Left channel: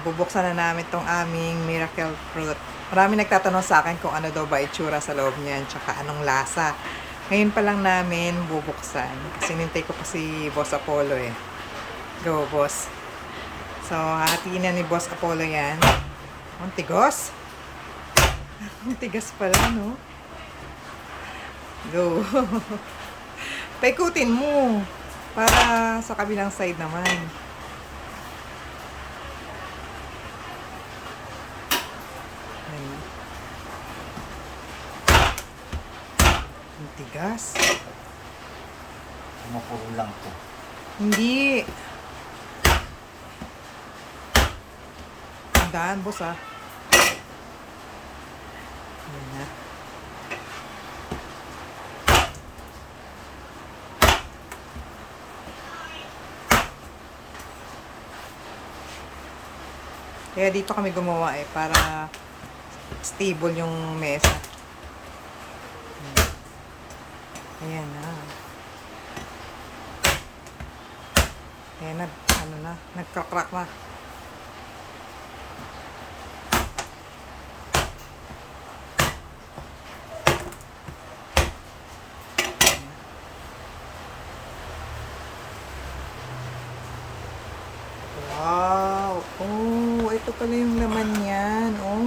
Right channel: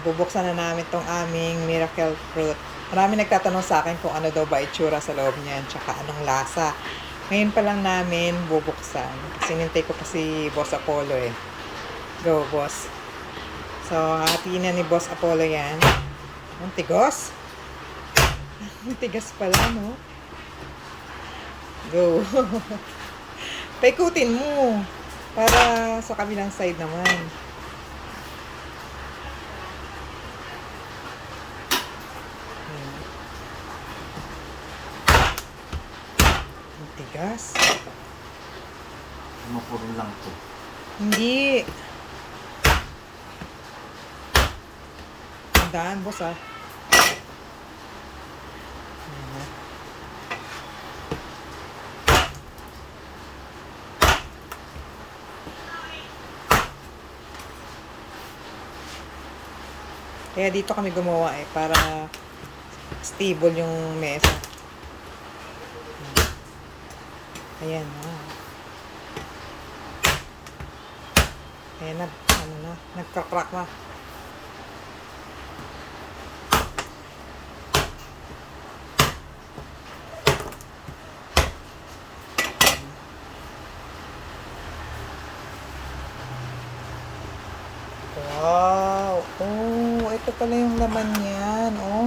bubuksan na namin tong aming miracle fruit. Marami nagtatanong sa akin kung ano daw ba itsura sa loob niyan, tsaka anong lasa. Ngayon pa lang namin bubuksan. Kasi nintay ko pa si Boss Apollo eh. Go, boss. So, hahatiin na ni Boss Apollo yan. Ang tigos. Ang tigas pala, no? Go. Paikutin mo. Para sa kabilang side naman. Ayan. Ang tigas. Mapuro lang to. Hindi. Tandaan, boss, ah. Ayan na. Kaya dito kami gumawa eh, para stable yung mesa. Ayan na. Ayan na, ano na, nagkakrak na. Wow! Oh, ito pala yung laman niyan, oh.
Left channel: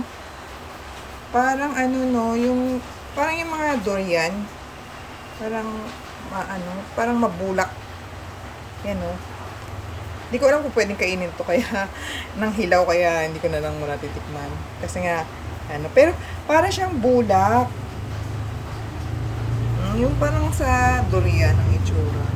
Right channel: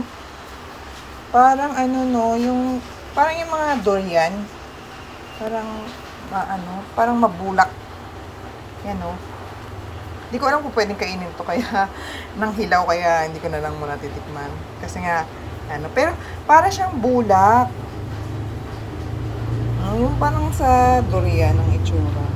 Parang ano no, yung parang yung mga durian. Parang parang mabulak. Yan oh. Hindi ko alam kung pwedeng kainin to kaya nang hilaw kaya hindi ko na lang muna titikman. Kasi nga pero para siyang bulak. Yung parang sa durian ang itsura.